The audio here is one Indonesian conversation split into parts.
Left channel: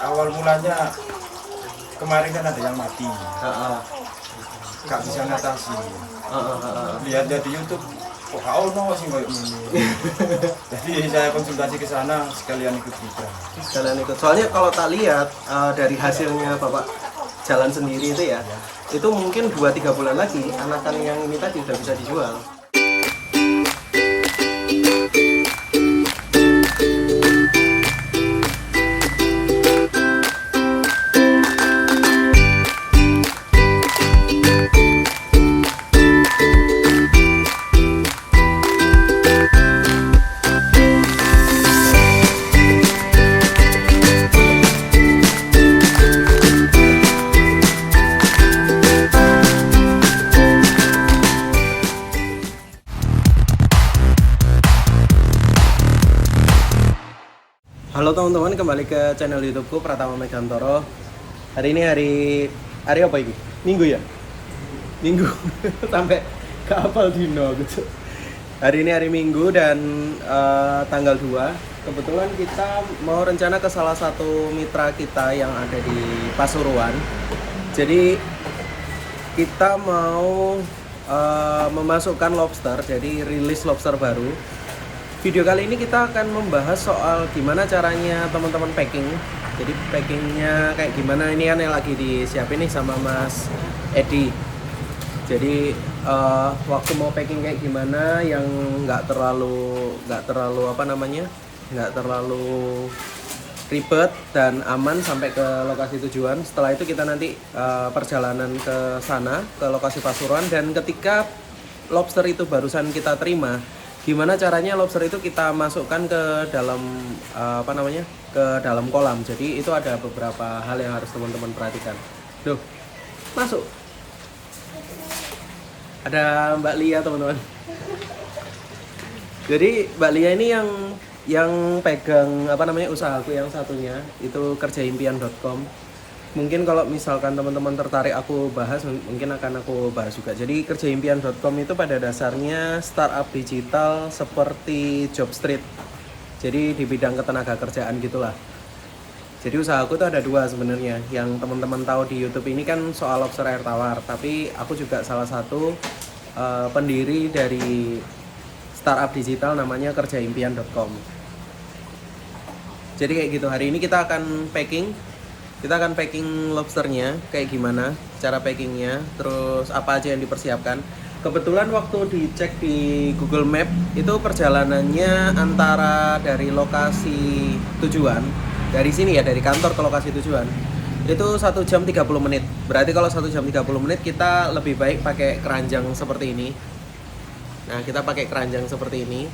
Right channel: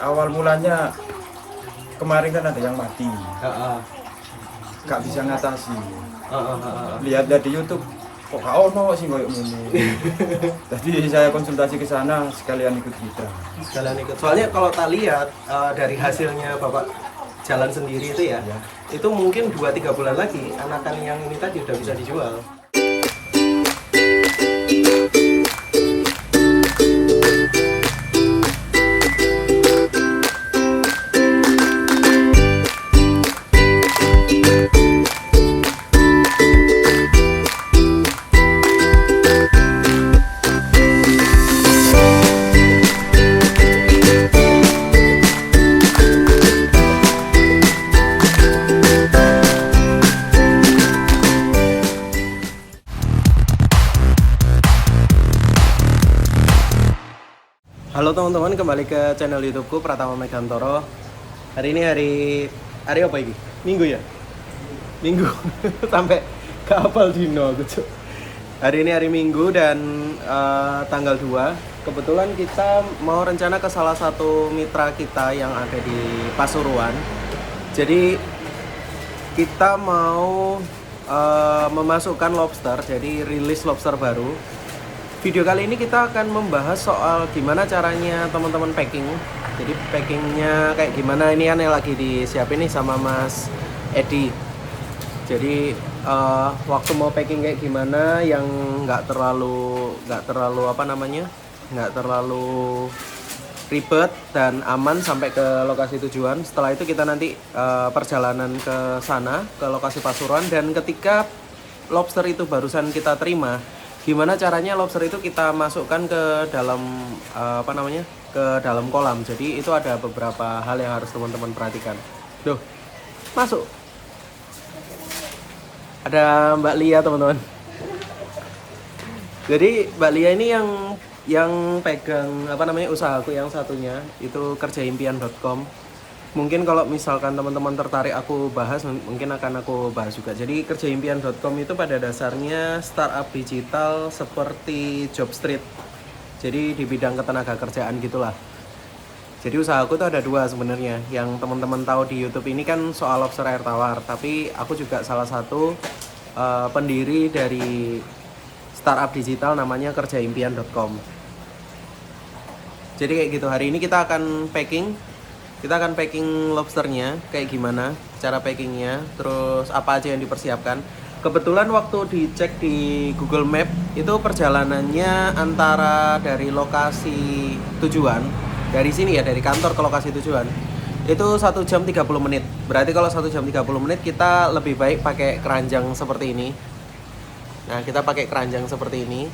awal mulanya kemarin kan ada yang mati, nggak bisa ngatasi. Lihat di YouTube, kok gak ono sih kayak gini. Jadi saya konsultasi ke sana sekalian ikut kita. Jalan ikut. Soalnya kalau tak lihat dari hasilnya Bapak jalan sendiri itu ya, itu mungkin 2-3 bulan lagi anakan yang ini tadi udah bisa dijual. Halo teman-teman, kembali ke channel YouTubeku Pratama Megantoro. Hari ini hari apa ini? Minggu ya? Minggu sampai ke apal dino gitu. Hari ini hari Minggu dan tanggal 2. Kebetulan kita mau rencana ke salah satu mitra kita yang ada di Pasuruan. Jadi kita mau memasukkan lobster, jadi rilis lobster baru. Video kali ini kita akan membahas soal gimana caranya teman-teman packing. Jadi packingnya kayak gimana, ini kan yang lagi disiapin nih sama Mas Edi. Jadi waktu mau packing kayak gimana yang nggak terlalu nggak terlalu ribet dan aman sampai ke lokasi tujuan. Setelah itu kita nanti perjalanan ke sana, ke lokasi Pasuruan, dan ketika lobster itu barusan kita terima, gimana caranya lobster itu kita masukkan ke dalam ke dalam kolam. Jadi itu ada beberapa hal yang harus teman-teman perhatikan. Duh, masuk. Ada Mbak Lia teman-teman. Jadi Mbak Lia ini yang pegang usahaku yang satunya itu kerjaimpian.com. Mungkin kalau misalkan teman-teman tertarik aku bahas, mungkin akan aku bahas juga. Jadi kerjaimpian.com itu pada dasarnya startup digital seperti Jobstreet. Jadi di bidang ketenaga kerjaan gitulah. Jadi usahaku tuh ada dua sebenarnya. Yang teman-teman tahu di YouTube ini kan soal lobster air tawar. Tapi aku juga salah satu pendiri dari startup digital namanya kerjaimpian.com. Jadi kayak gitu, hari ini kita akan packing. Kita akan packing lobsternya kayak gimana, cara packingnya, terus apa aja yang dipersiapkan. Kebetulan waktu dicek di Google Map itu perjalanannya antara dari lokasi tujuan, dari sini ya, dari kantor ke lokasi tujuan, itu 1 jam 30 menit. Berarti kalau 1 jam 30 menit kita lebih baik pakai keranjang seperti ini. Nah, kita pakai keranjang seperti ini.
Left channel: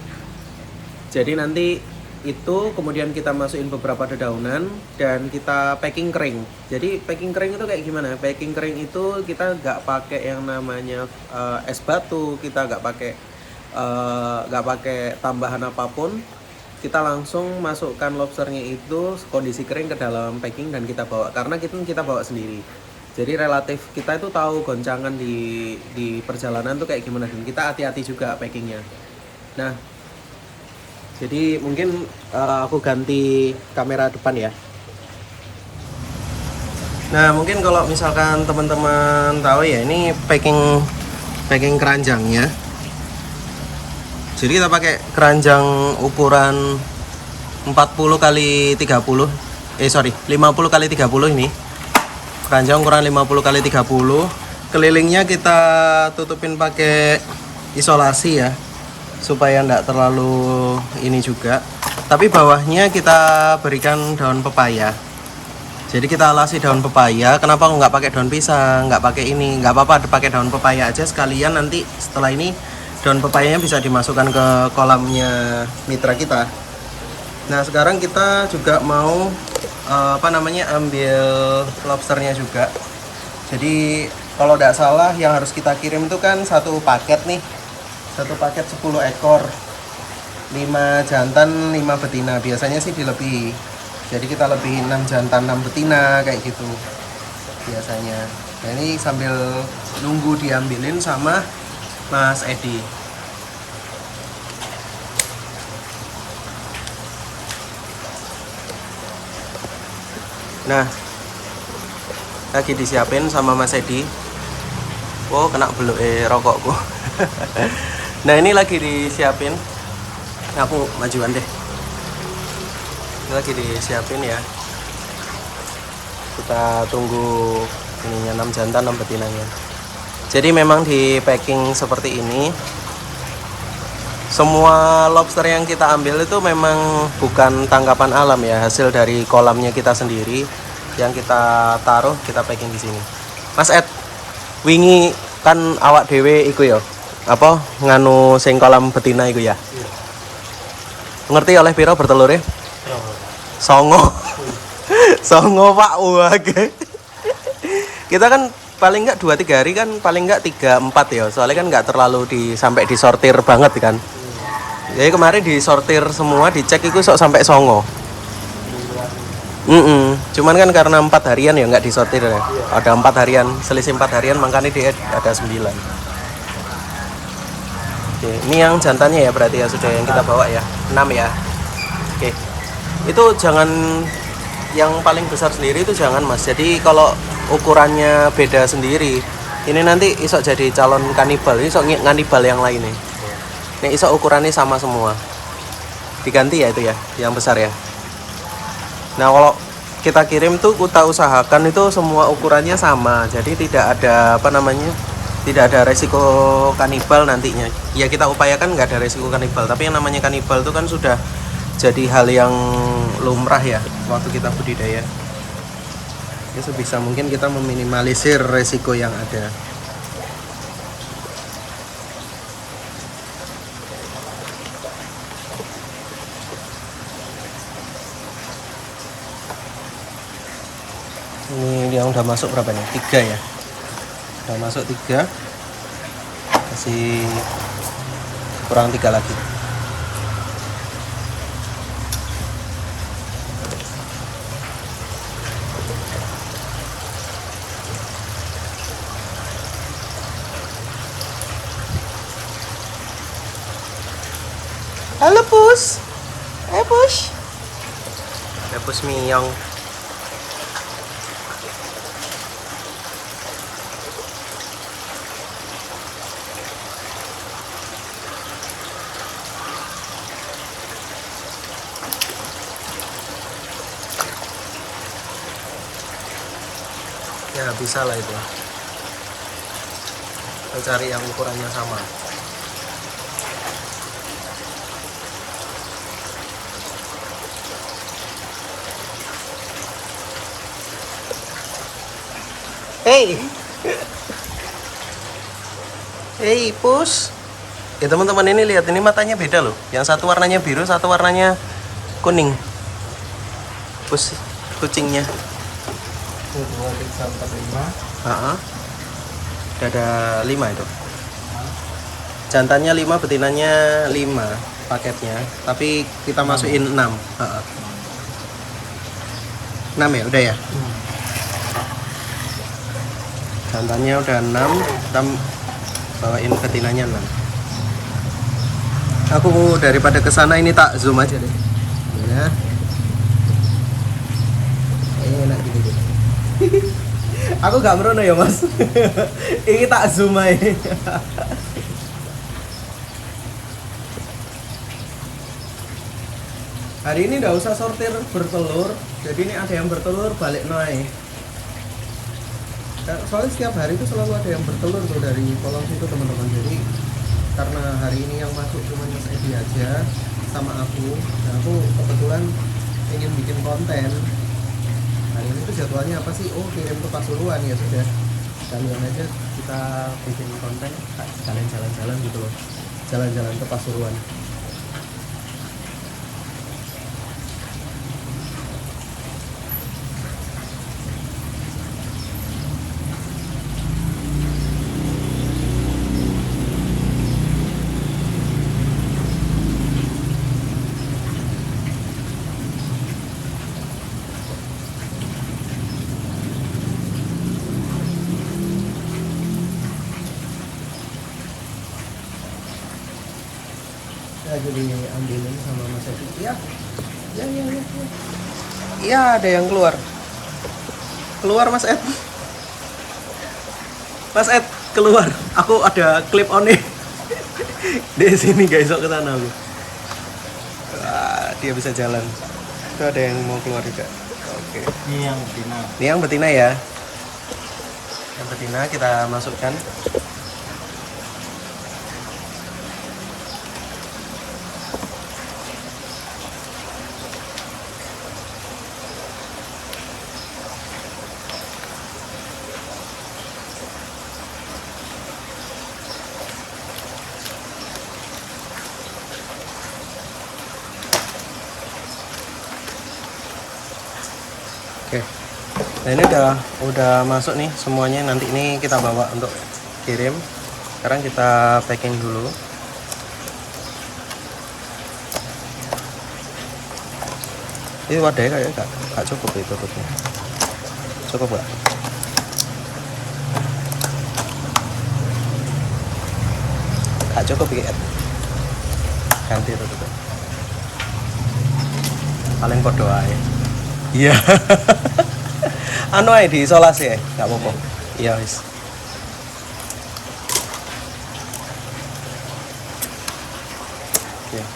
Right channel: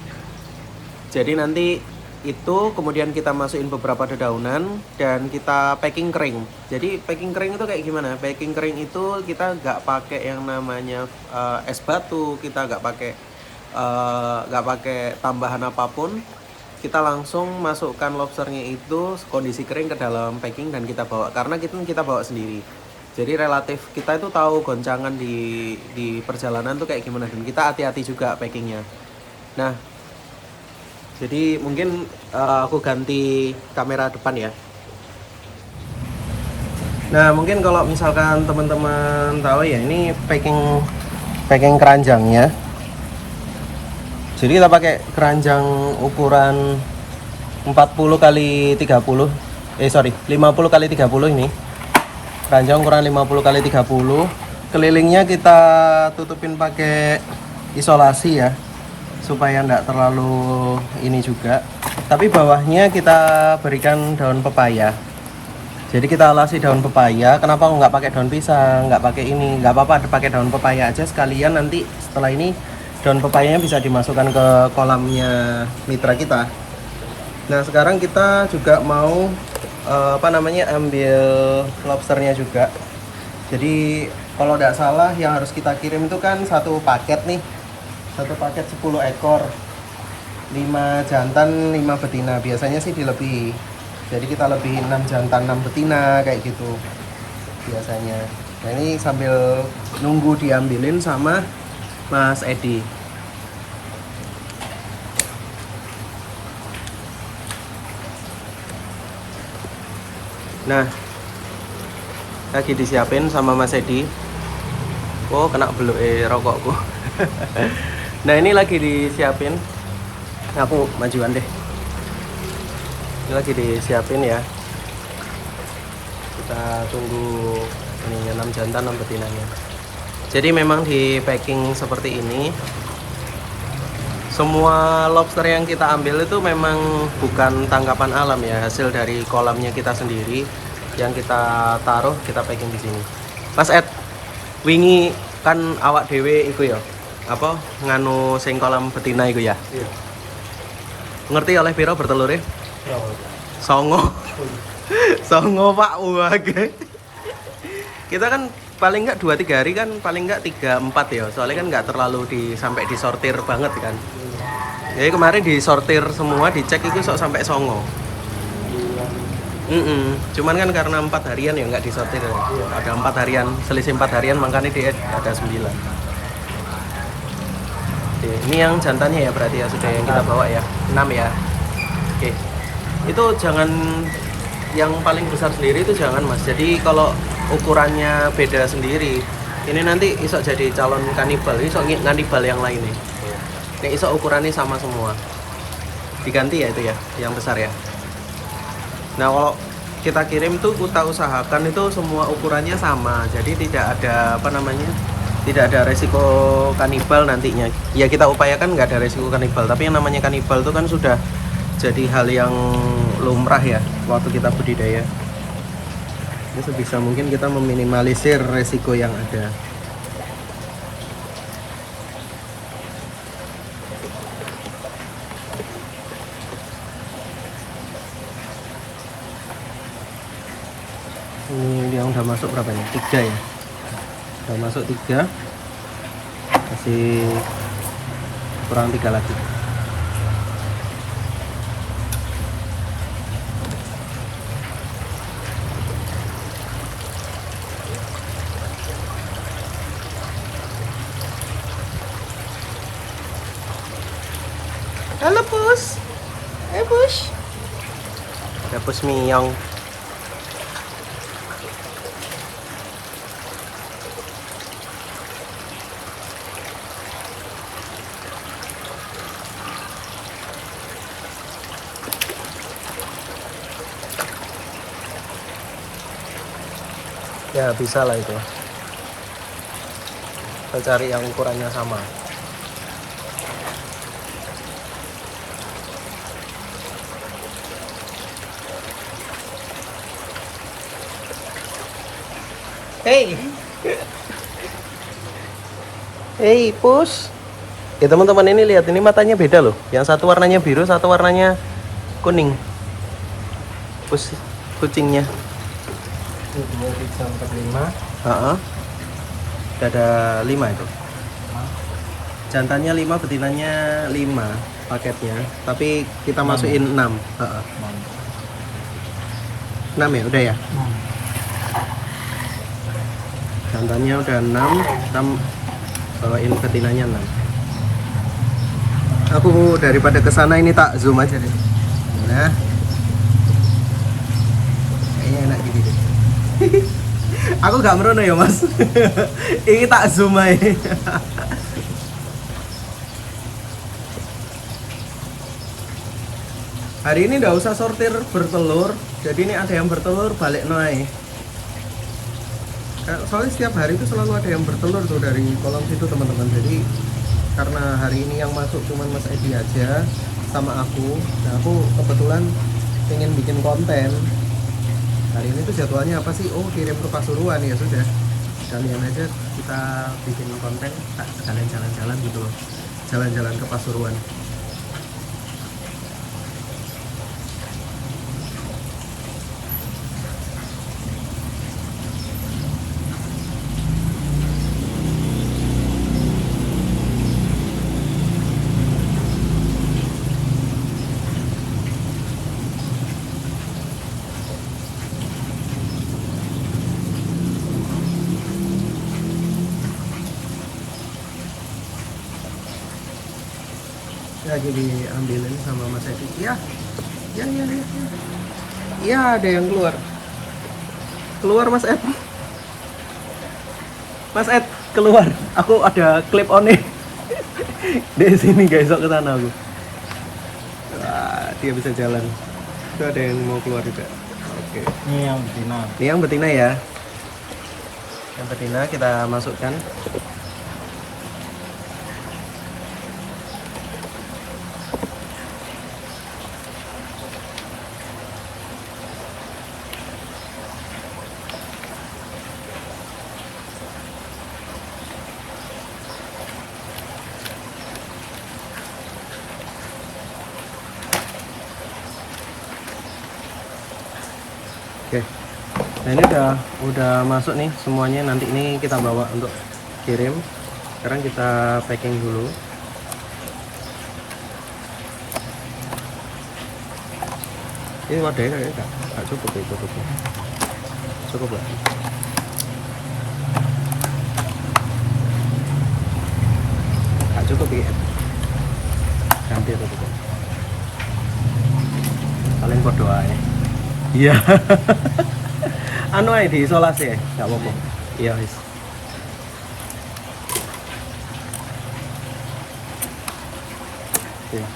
Jadi nanti itu kemudian kita masukin beberapa dedaunan dan kita packing kering. Jadi packing kering itu kayak gimana? Packing kering itu kita nggak pakai yang namanya es batu, kita nggak pakai tambahan apapun. Kita langsung masukkan lobsternya itu kondisi kering ke dalam packing dan kita bawa, karena kita bawa sendiri. Jadi relatif kita itu tahu goncangan di perjalanan tuh kayak gimana, dan kita hati-hati juga packingnya. Nah, jadi mungkin aku ganti kamera depan ya. Nah, mungkin kalau misalkan teman-teman tahu ya, ini packing keranjangnya. Jadi kita pakai keranjang ukuran 40 kali 30. 50 kali 30 ini. Keranjang ukuran 50 kali 30. Kelilingnya kita tutupin pakai isolasi ya, supaya enggak terlalu ini juga. Tapi bawahnya kita berikan daun pepaya. Jadi kita alasi daun pepaya. Kenapa nggak pakai daun pisang, nggak pakai ini? Nggak apa-apa, pakai daun pepaya aja sekalian. Nanti setelah ini daun pepayanya bisa dimasukkan ke kolamnya mitra kita. Nah, sekarang kita juga mau ambil lobsternya juga. Jadi kalau nggak salah yang harus kita kirim itu kan satu paket nih. Satu paket 10 ekor, 5 jantan 5 betina. Biasanya sih dilebihi, jadi kita lebih 6 jantan 6 betina kayak gitu biasanya. Nah, ini sambil nunggu diambilin sama Mas Edi. Nah, lagi disiapin sama Mas Edi. Oh, kena beluk rokokku. Nah, ini lagi disiapin. Aku majuan deh. Ini lagi disiapin ya. Kita tunggu ininya 6 jantan 6 betinanya. Jadi memang di packing seperti ini. Semua lobster yang kita ambil itu memang bukan tangkapan alam ya, hasil dari kolamnya kita sendiri yang kita taruh, kita packing di sini. Mas Ed, wingi kan awak dewe iku ya. Apa nganu sing kolam betina iku ya? Iya. Ngerti oleh piro bertelur ya? Songo. Songo Pak wage. Kita kan paling enggak 2-3 hari kan paling enggak 3-4 ya. Soalnya kan enggak terlalu sampai disortir banget kan. Jadi kemarin disortir semua, dicek itu sok sampai songo. Cuman kan karena 4 harian ya nggak disortir ya. Ada 4 harian, selisih 4 harian makanya dia ada 9. Oke, ini yang jantannya ya berarti ya sudah yang kita bawa ya. 6 ya. Oke. Itu jangan yang paling besar sendiri itu jangan Mas. Jadi kalau ukurannya beda sendiri, ini nanti isok jadi calon kanibal, isok nganibal yang lain nih. Ini isok ukurannya sama semua. Diganti ya itu ya, yang besar ya. Nah, kalau kita kirim tuh kita usahakan itu semua ukurannya sama. Jadi tidak ada tidak ada resiko kanibal nantinya. Ya kita upayakan nggak ada resiko kanibal, tapi yang namanya kanibal itu kan sudah jadi hal yang lumrah ya waktu kita budidaya. Ya sebisa mungkin kita meminimalisir resiko yang ada. Ini yang udah masuk berapa nih? 3 ya. Udah masuk 3. Kasih kurang 3 lagi. Halo Pus. Pus. Ada Pus Miyong. Ya bisa lah itu. Kita cari yang ukurannya sama. Hey, hey Pus. Ya teman-teman ini lihat, ini matanya beda loh. Yang satu warnanya biru, satu warnanya kuning. Pus kucingnya. Ini 245. Udah ada 5 itu. Jantannya 5, betinanya 5 paketnya. Tapi kita masukin 6. 6 ya, udah ya. Jantannya udah 6, kita bawain betinanya 6. Aku daripada kesana ini tak zoom aja deh. Nah, kayaknya enak gini deh. Aku gak merono ya Mas. Ini tak zoom aja. Hari ini nggak usah sortir bertelur. Jadi ini ada yang bertelur balik noai. Soalnya setiap hari itu selalu ada yang bertelur tuh dari kolam situ teman-teman. Jadi karena hari ini yang masuk cuma Mas Edi aja sama aku. Nah aku kebetulan pengen bikin konten. Hari ini tuh jadwalnya apa sih? Oh kirim ke Pasuruan ya sudah. Kalian aja kita bikin konten sekalian jalan-jalan gitu loh. Jalan-jalan ke Pasuruan. Lagi diambilin sama Mas Edi. Iya ada yang keluar. Keluar Mas Ed. Mas Ed, keluar. Aku ada clip on nih. Di sini guys, ke sana aku. Wah, dia bisa jalan. Itu ada yang mau keluar juga. Oke. Ini yang betina. Ini yang betina ya. Yang betina kita masukkan. Oke. Nah ini udah masuk nih semuanya. Nanti ini kita bawa untuk kirim. Sekarang kita packing dulu. Ini wadahnya kayaknya nggak cukup ya tutupnya. Cukup nggak? Nggak cukup ya. Ganti tutupnya. Paling podo aja. Iya. Anu ae diisolasi ya, enggak apa-apa. Iya wis. Oke.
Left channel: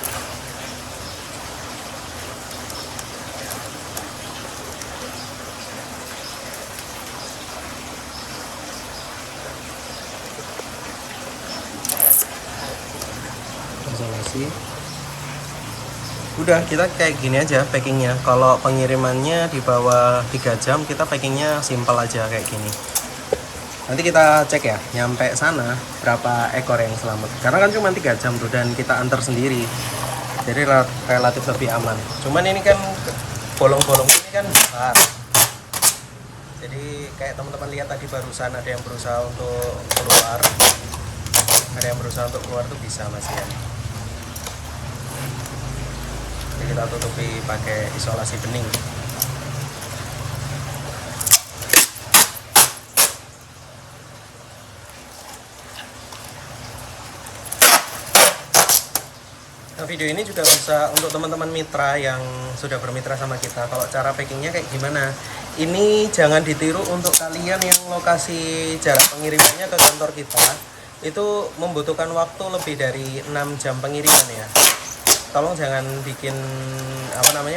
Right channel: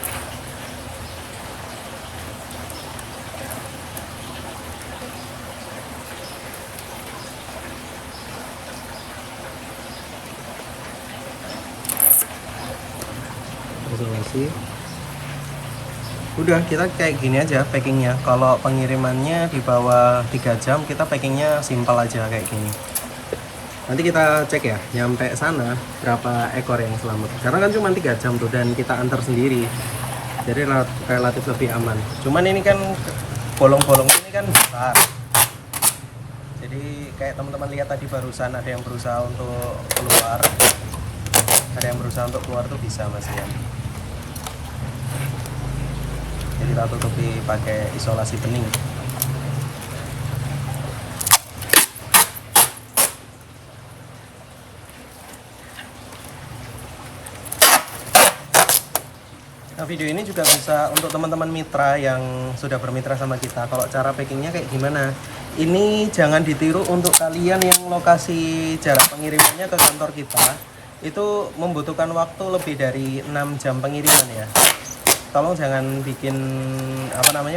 Isolasi. Udah, kita kayak gini aja packingnya. Kalau pengirimannya di bawah 3 jam, kita packingnya simpel aja kayak gini. Nanti kita cek ya, nyampe sana berapa ekor yang selamat. Karena kan cuma 3 jam tuh, dan kita antar sendiri. Jadi relatif lebih aman. Cuman ini kan bolong-bolong ini kan besar. Jadi kayak teman-teman lihat tadi barusan ada yang berusaha untuk keluar. Ada yang berusaha untuk keluar tuh bisa Mas Ian. Jadi kita tutupi pakai isolasi bening. Nah, video ini juga bisa untuk teman-teman mitra yang sudah bermitra sama kita. Kalau cara packingnya kayak gimana? Ini jangan ditiru untuk kalian yang lokasi jarak pengirimannya ke kantor kita. Itu membutuhkan waktu lebih dari 6 jam pengiriman ya. Tolong jangan bikin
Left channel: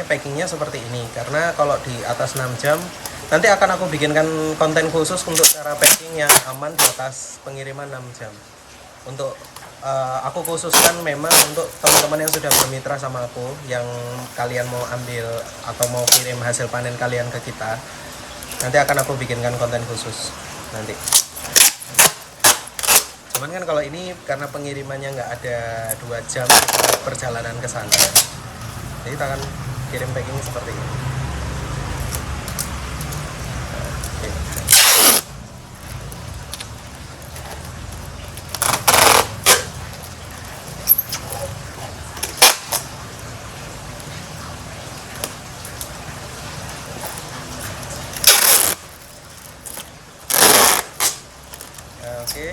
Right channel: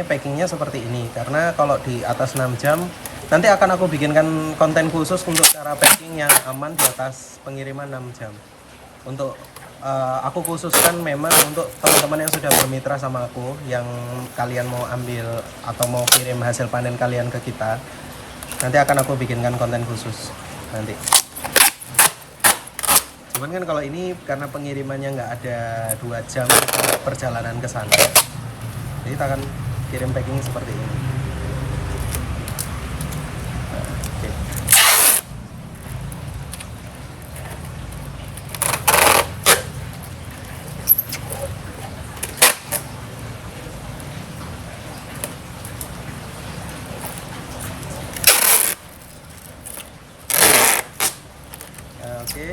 packingnya seperti ini, karena kalau di atas 6 jam nanti akan aku bikinkan konten khusus untuk cara packing yang aman di atas pengiriman 6 jam. Untuk aku khususkan memang untuk teman-teman yang sudah bermitra sama aku, yang kalian mau ambil atau mau kirim hasil panen kalian ke kita, nanti akan aku bikinkan konten khusus nanti. Cuman kan kalau ini karena pengirimannya nggak ada 2 jam kita perjalanan ke sana, jadi kita akan kirim packing seperti ini. Oke. Oke.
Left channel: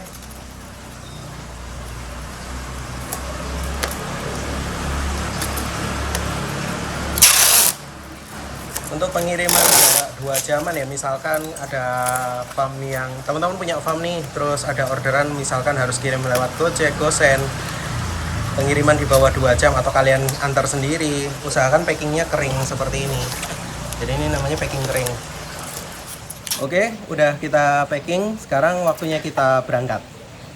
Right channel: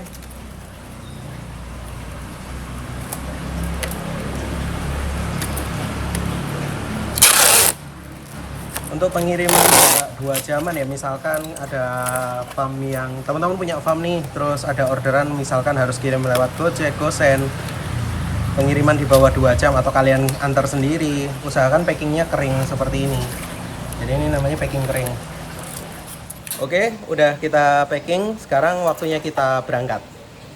Untuk pengiriman jarak 2 jaman ya, misalkan ada farm yang teman-teman punya farm nih, terus ada orderan misalkan harus kirim lewat Gojek, GoSend, pengiriman di bawah 2 jam atau kalian antar sendiri, usahakan packingnya kering seperti ini. Jadi ini namanya packing kering. Oke, udah kita packing, sekarang waktunya kita berangkat.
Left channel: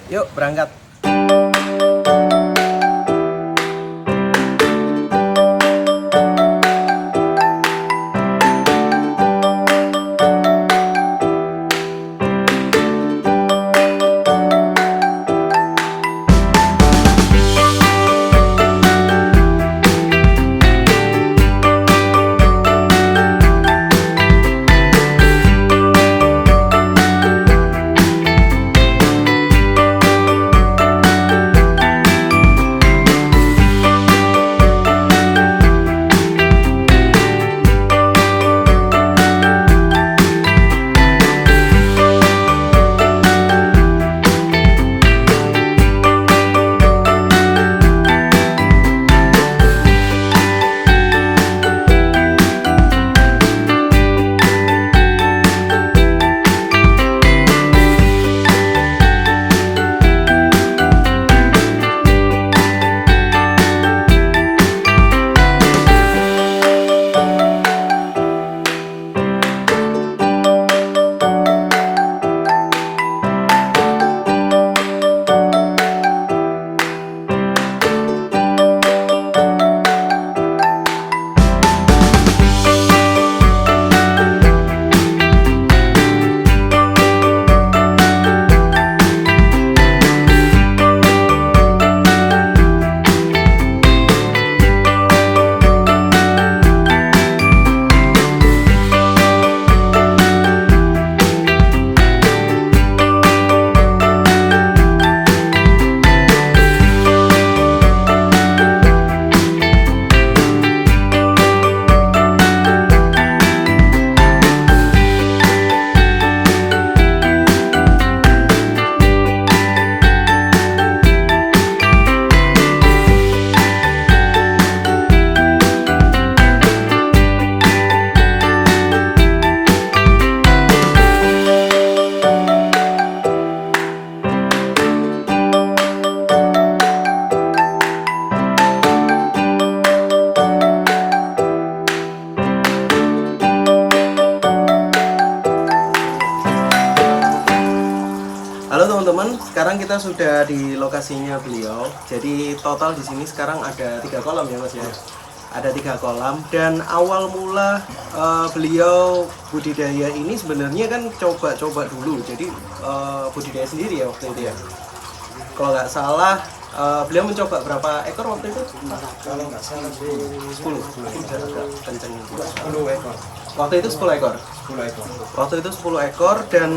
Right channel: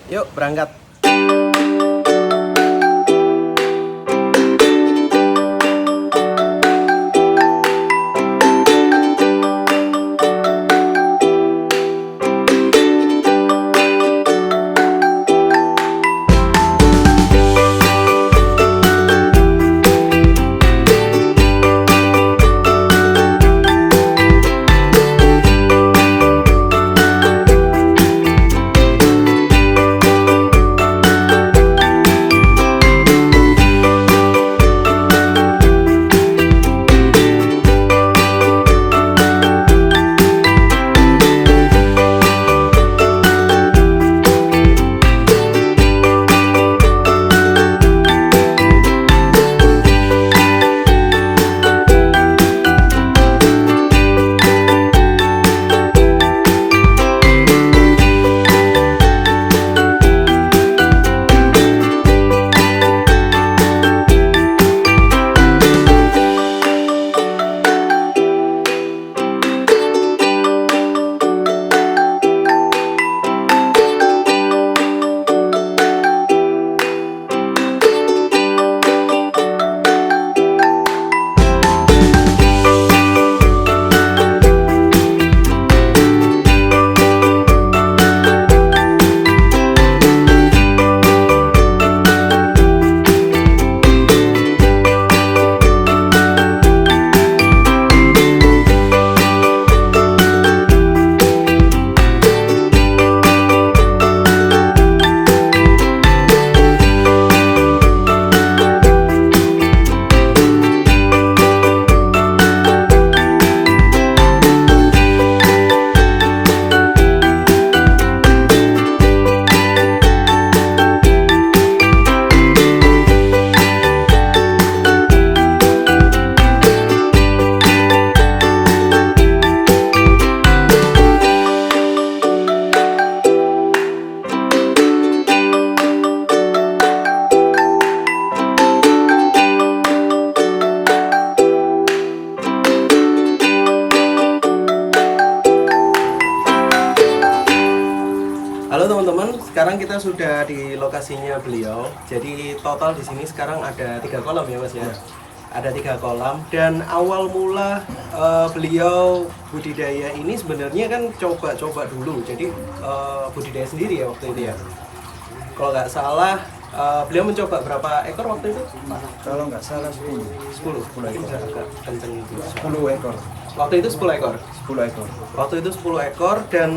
Yuk berangkat. Halo teman-teman, sekarang kita sudah di lokasinya beliau. Jadi total di sini sekarang ada 3 kolam ya Mas ya. Ada 3 kolam dan awal mula beliau budidaya ini sebenarnya kan coba-coba dulu. Jadi budidaya sendiri ya waktu itu ya. Kalau nggak salah beliau mencoba berapa ekor waktu itu? Kalau nggak salah 10 ekor. Agak kenceng juga. 10 ekor. Waktu itu 10 ekor. 10 ekor. Waktu itu 10 ekor dan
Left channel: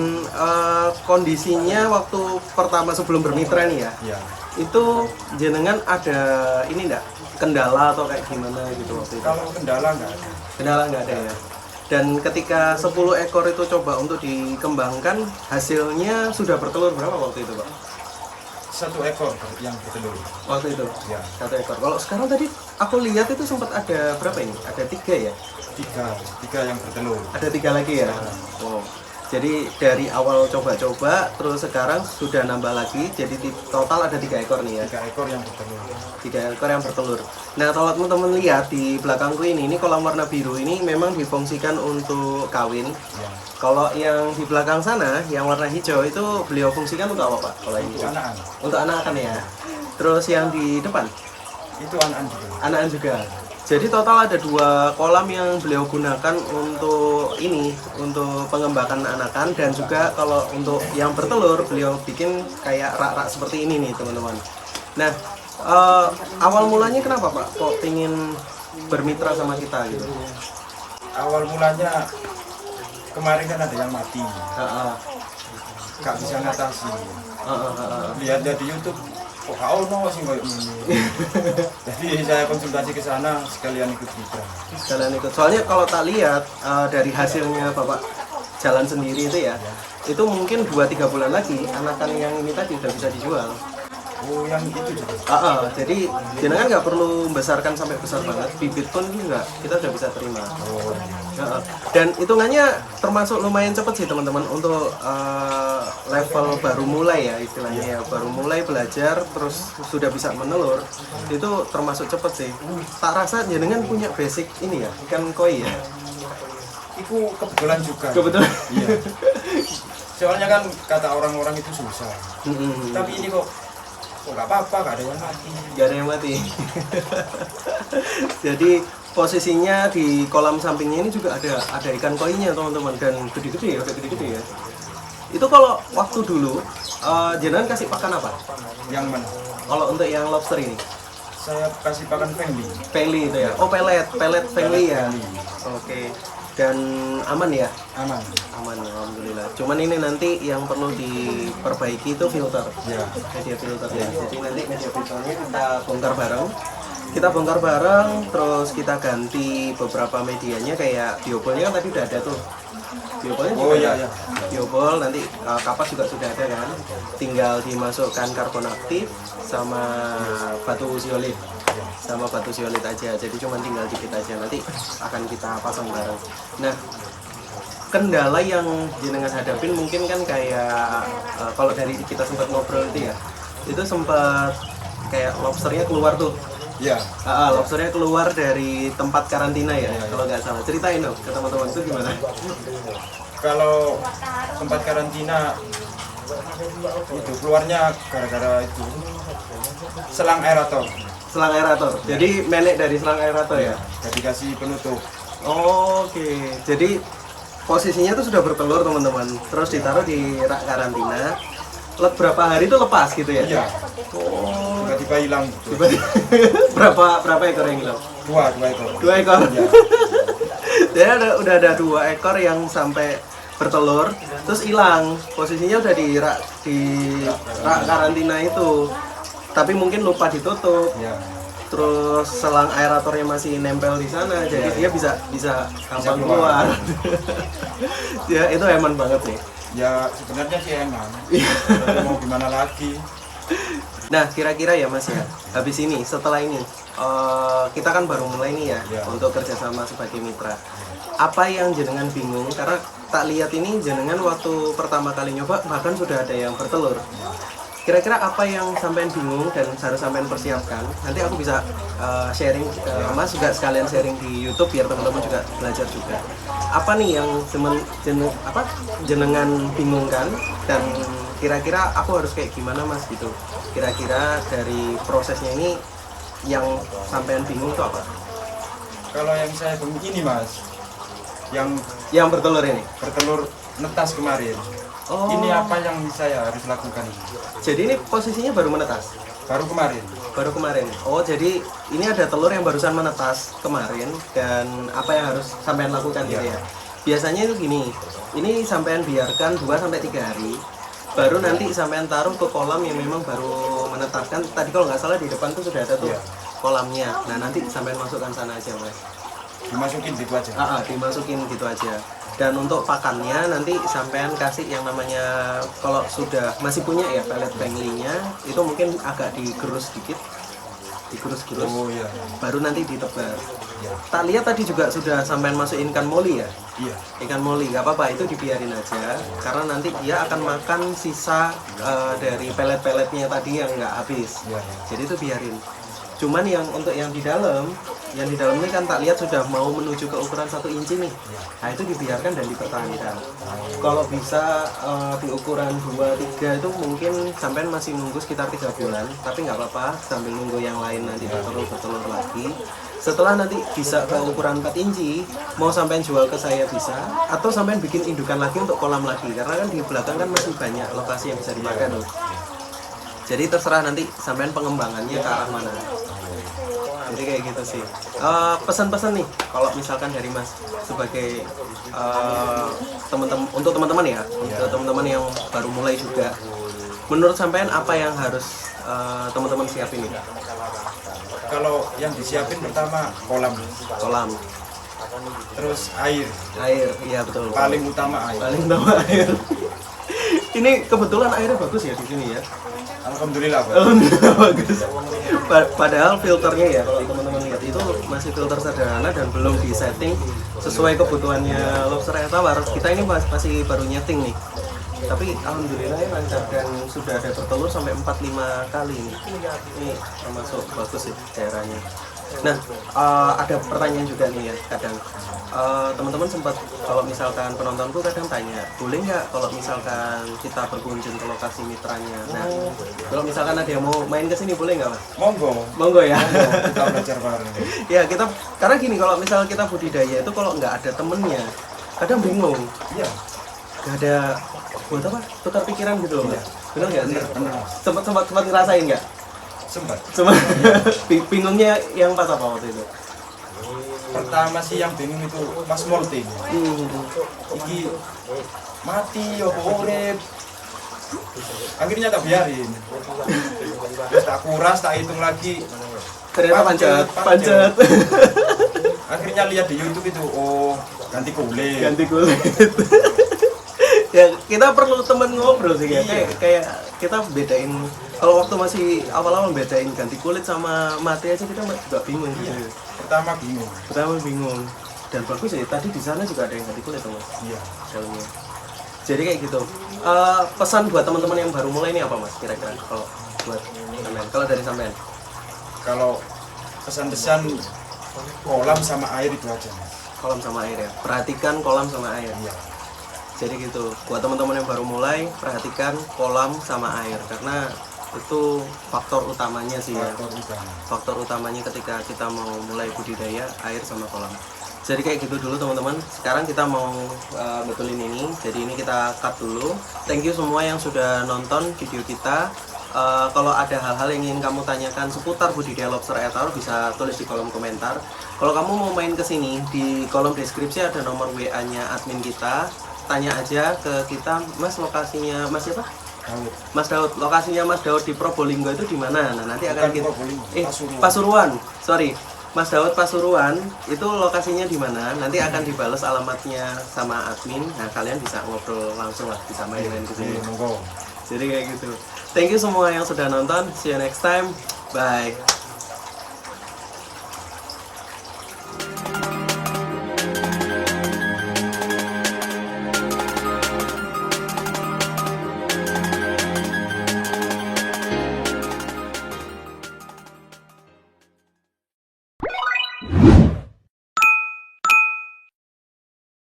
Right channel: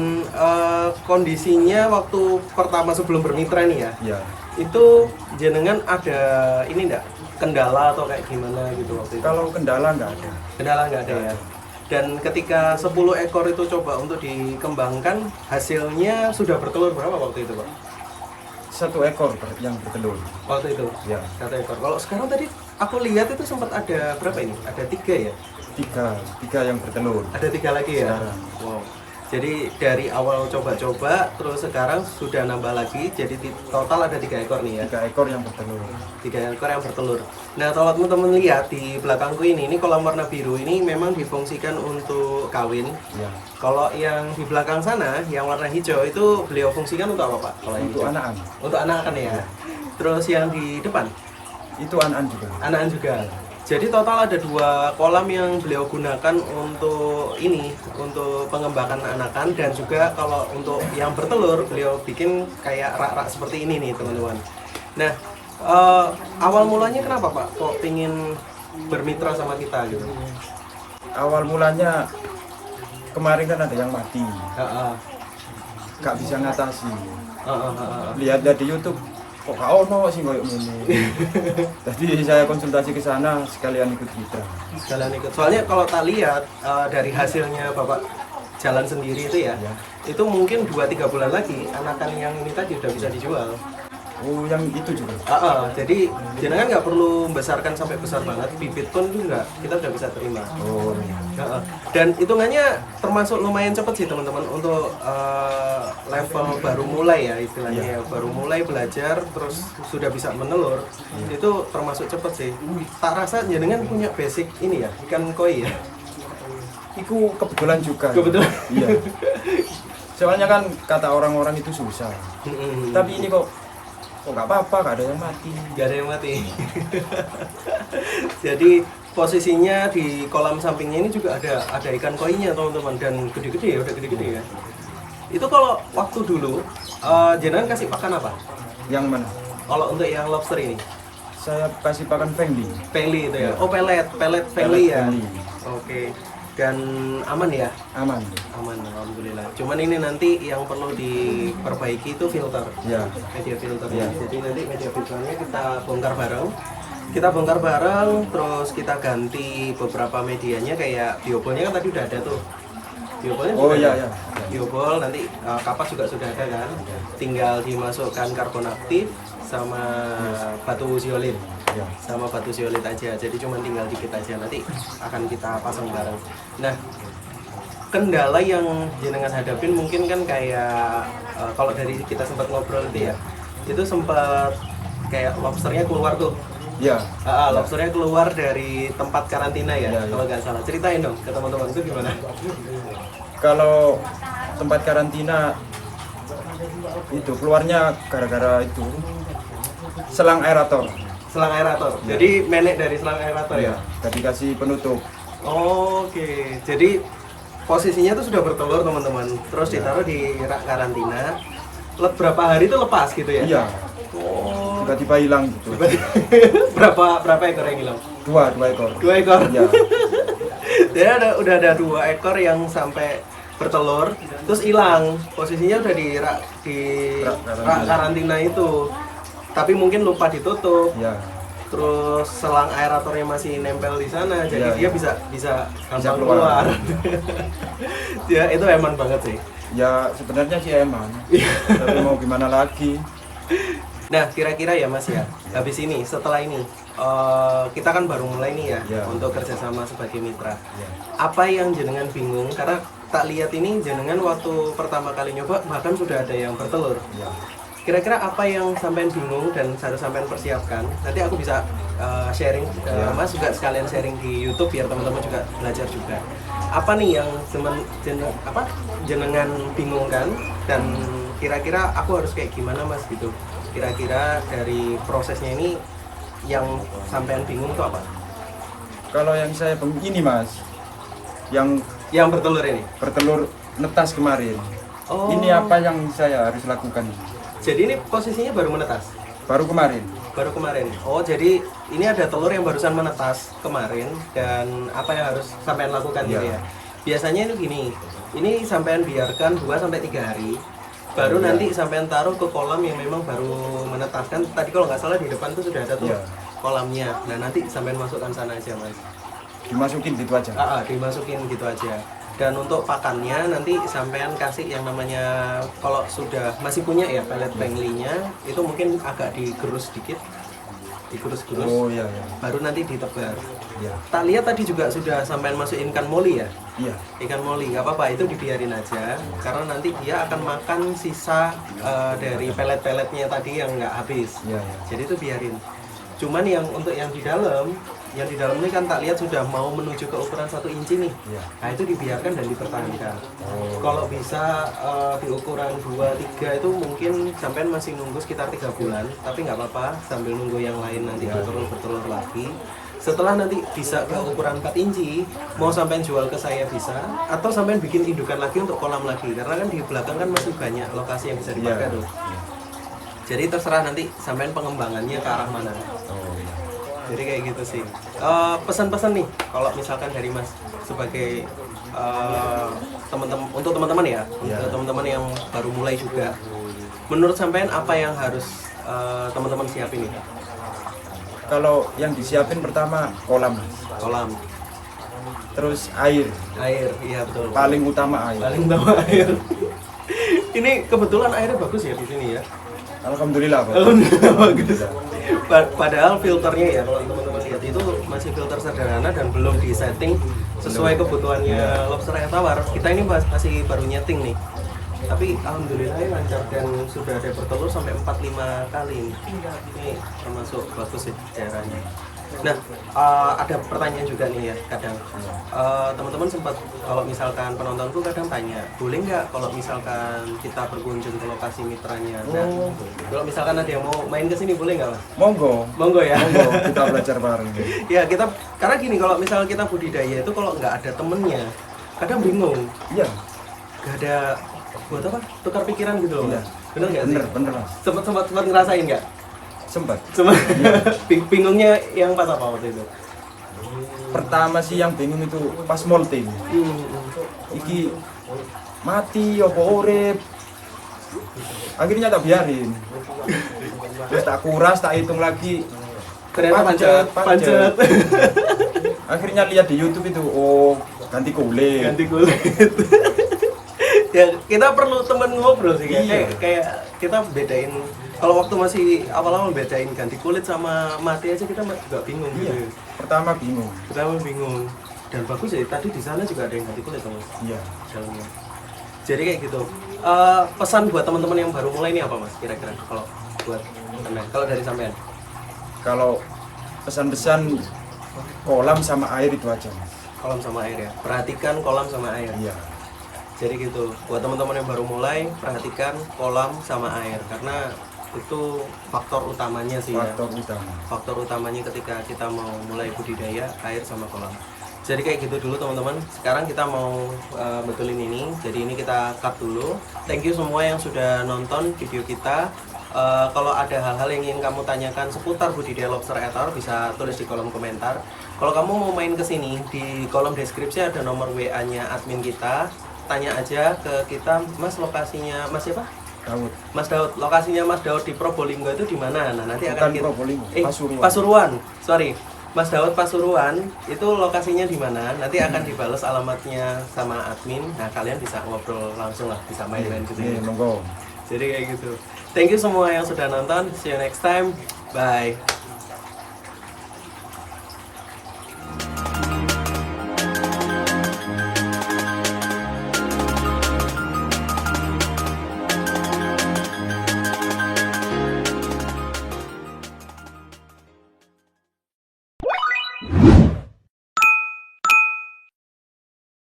kondisinya waktu pertama sebelum bermitra nih ya. Iya. Itu jenengan ada ini enggak kendala atau kayak gimana gitu waktu itu? Kalau kendala nggak ada. Kendala nggak ada ya. Dan ketika 10 ekor itu coba untuk dikembangkan, hasilnya sudah bertelur berapa waktu itu, Pak? 1 ekor yang bertelur. Waktu itu? Ya. 1 ekor. Kalau sekarang tadi aku lihat itu sempat ada berapa ini? Ada 3 ya? 3 yang bertelur. Ada 3 lagi ya? Wow. Jadi dari awal coba-coba, terus sekarang sudah nambah lagi, jadi total ada 3 ekor nih ya? 3 ekor yang bertelur. 3 ekor yang bertelur. Nah kalau teman-teman lihat di belakangku ini kolam warna biru ini memang difungsikan untuk kawin. Ya. Kalau yang di belakang sana, yang warna hijau itu beliau fungsikan untuk apa Pak? Kalau yang Untuk hijau? anakan. Untuk anakan ya. Terus yang di depan? Itu anakan juga. Anakan juga. Jadi total ada 2 kolam yang beliau gunakan untuk ini, untuk pengembangan anakan dan juga kalau untuk yang bertelur beliau bikin kayak rak-rak seperti ini nih teman-teman. Nah awal mulanya kenapa Pak kok pingin bermitra sama kita gitu? Awal mulanya kemarin kan ada yang mati. Nggak bisa ngatasi. Lihat di YouTube, kok gak ono sih kayak gini. Jadi saya konsultasi ke sana sekalian ikut kita. Sekalian ikut. Soalnya kalau tak lihat dari hasilnya Bapak jalan sendiri itu ya, itu mungkin 2-3 bulan lagi anakan yang ini tadi udah bisa dijual. Oh, yang itu juga. Jadi jenengan nggak perlu membesarkan sampai besar banget, bibit pun juga kita udah bisa terima. Oh. Dan hitungannya termasuk lumayan cepet sih teman-teman untuk level baru mulai ya istilahnya ya, baru mulai belajar terus sudah bisa menelur itu termasuk cepet sih. Tak rasa jenengan punya basic ini ya ikan koi ya? Itu kebetulan juga. Kebetulan. Iya. Soalnya kan kata orang-orang itu susah. Tapi ini kok nggak apa-apa, nggak ada yang mati. Nggak ada yang mati. Jadi posisinya di kolam sampingnya ini juga ada ikan koinya teman-teman dan gede-gede ya, udah gede-gede ya. Itu kalau waktu dulu jenengan kasih pakan apa? Yang mana? Kalau untuk yang lobster ini? Saya kasih pakan family. Peli itu ya. Oh, pelet family ya. Family. Oke. Dan aman ya? Aman. Aman, alhamdulillah. Cuman ini nanti yang perlu diperbaiki itu filter. Ya. Media filternya. Jadi nanti media filternya kita bongkar bareng. Terus kita ganti beberapa medianya kayak biobolnya kan tadi udah ada tuh. Biobolnya Oh juga iya, ada. iya. Biobol nanti kapas juga sudah ada kan. Tinggal dimasukkan karbon aktif sama batu zeolit. Sama batu zeolit aja. Jadi cuma tinggal dikit aja, nanti akan kita pasang bareng. Nah, kendala yang jenengan hadapin mungkin kan kayak kalau dari kita sempat ngobrol itu ya, itu sempat kayak lobsternya keluar tuh. Ya. Lobsternya keluar dari tempat karantina ya, Ya. kalau nggak salah. Ceritain dong ke teman-teman itu gimana? Kalau tempat karantina itu keluarnya gara-gara itu selang aerator. Selang aerator. Jadi melek dari selang aerator ya. Gak dikasih penutup. Oke. Jadi posisinya tuh sudah bertelur teman-teman. Terus ditaruh di rak karantina. Berapa hari itu lepas gitu ya? Iya. Oh. Tiba-tiba hilang gitu. berapa ekor yang hilang? 2 ekor. 2 ekor. Iya. Jadi udah ada 2 ekor yang sampai bertelur, terus hilang. Posisinya udah di rak karantina itu. Tapi mungkin lupa ditutup. Ya. Terus selang aeratornya masih nempel di sana, jadi dia Ya. bisa gampang keluar. keluar. Ya itu eman banget sih. Ya sebenarnya sih emang. Tapi mau gimana lagi? Nah kira-kira ya Mas ya, habis ini setelah ini kita kan baru mulai nih ya untuk kerjasama sebagai mitra. Apa yang jenengan bingung? Karena tak lihat ini jenengan waktu pertama kali nyoba bahkan sudah ada yang bertelur. Kira-kira apa yang sampean bingung dan harus sampean persiapkan? Nanti aku bisa sharing ke Mas juga sekalian sharing di YouTube biar teman-teman juga belajar juga. apa nih yang jenengan bingungkan dan kira-kira aku harus kayak gimana Mas gitu. Kira-kira dari prosesnya ini yang sampean bingung itu apa? Kalau yang saya begini Mas, Yang bertelur ini. bertelur netas kemarin. Oh. Ini apa yang saya harus lakukan? Jadi ini posisinya baru menetas. Baru kemarin. Baru kemarin. Oh, jadi ini ada telur yang barusan menetas kemarin dan apa yang harus sampean lakukan gitu ya. Biasanya itu gini. Ini sampean biarkan 2 sampai 3 hari. Baru nanti sampean taruh ke kolam yang memang baru menetaskan. Tadi kalau nggak salah di depan tuh sudah ada tuh kolamnya. Nah, nanti sampean masukkan sana aja, Mas. Dimasukin gitu aja. Dimasukin gitu aja. Dan untuk pakannya nanti sampean kasih yang namanya, kalau sudah masih punya ya pelet penglinya, itu mungkin agak digerus sedikit, digerus-gerus. Oh iya iya. Baru nanti ditebar. Iya. Tak lihat tadi juga sudah sampean masukin ikan moli ya? Iya. Ikan moli, nggak apa-apa, itu dibiarin aja. Karena nanti dia akan makan sisa dari pelet-peletnya tadi yang nggak habis. Iya, iya. Jadi itu biarin. Cuman yang untuk yang di dalam ini kan tak lihat sudah mau menuju ke ukuran 1 inci nih. Iya. Nah itu dibiarkan dan dipertahankan. Kalau bisa di ukuran 2-3 itu mungkin sampean masih nunggu sekitar 3 bulan, tapi nggak apa-apa sambil nunggu yang lain nanti bertelur lagi. Setelah nanti bisa ke ukuran 4 inci, mau sampean jual ke saya bisa, atau sampean bikin indukan lagi untuk kolam lagi, karena kan di belakang kan masih banyak lokasi yang bisa dipakai tuh. Jadi terserah nanti sampean pengembangannya ke arah mana. Jadi kayak gitu sih. Pesan-pesan nih, kalau misalkan dari Mas sebagai teman-teman, untuk teman-teman ya, untuk teman-teman yang baru mulai juga, menurut sampean apa yang harus teman-teman siapin nih? Kalau yang disiapin pertama kolam, terus air, Iya betul. paling utama air. Paling utama air. Ini kebetulan airnya bagus ya di sini ya. Alhamdulillah. Pak. Alhamdulillah bagus. Padahal filternya ya, kalau teman-teman lihat itu masih filter sederhana dan belum disetting sesuai kebutuhannya lobster air tawar. Kita ini masih baru nyeting nih. Tapi alhamdulillah ya lancar dan sudah ada bertelur sampai 4-5 kali. Ini termasuk bagus sih daerahnya. Nah, ada pertanyaan juga nih ya kadang. Teman-teman sempat, kalau misalkan penontonku kadang tanya, boleh nggak kalau misalkan kita berkunjung ke lokasi mitranya? Nah, kalau misalkan ada yang mau main ke sini boleh nggak Mas? Monggo Ya. kita belajar bareng. Ya kita, karena gini, kalau misal kita budidaya itu kalau nggak ada temennya kadang bingung. Iya. Nggak ada buat apa? Tukar pikiran gitu loh. Iya. Bener nggak sih? Bener. Sempat ngerasain nggak? Sempat. Bingungnya yang pas apa waktu itu? Pertama sih yang bingung itu pas molting. Iki mati apa urip. Akhirnya tak biarin. Terus tak kuras, tak hitung lagi. Ternyata panjat. Akhirnya lihat di YouTube itu, oh ganti kulit. Ya kita perlu teman ngobrol sih ya. Iya. Kayak kita bedain, kalau waktu masih awal-awal bedain ganti kulit sama mati aja kita juga bingung gitu. Pertama bingung. Dan bagus ya, tadi di sana juga ada yang ganti kulit Mas. Iya. Dalamnya. Jadi kayak gitu. Pesan buat teman-teman yang baru mulai ini apa Mas kira-kira kalau buat sampean? Kalau dari sampean? Kalau pesan-pesan kolam sama air itu aja. Kolam sama air ya. Perhatikan kolam sama air. Iya. Jadi gitu, buat teman-teman yang baru mulai, perhatikan kolam sama air karena itu faktor utamanya sih ya. Faktor utamanya ketika kita mau mulai budidaya, air sama kolam. Jadi kayak gitu dulu teman-teman. Sekarang kita mau betulin ini. Jadi ini kita cut dulu. Thank you semua yang sudah nonton video kita. Kalau ada hal-hal yang ingin kamu tanyakan seputar budidaya lobster air tawar, bisa tulis di kolom komentar. Kalau kamu mau main ke sini, di kolom deskripsi ada nomor WA-nya admin kita. Tanya aja ke kita, Mas lokasinya Mas siapa? Daud. Mas Daud, lokasinya Mas Daud di Probolinggo itu di mana? Nah, nanti akan kita Pasuruan. Sorry. Mas Daud Pasuruan itu lokasinya di mana? Nanti akan dibales alamatnya sama admin. Nah, kalian bisa ngobrol langsung lah, bisa main-main gitu. Monggo. Jadi kayak gitu. Thank you semua yang sudah nonton. See you next time. Bye.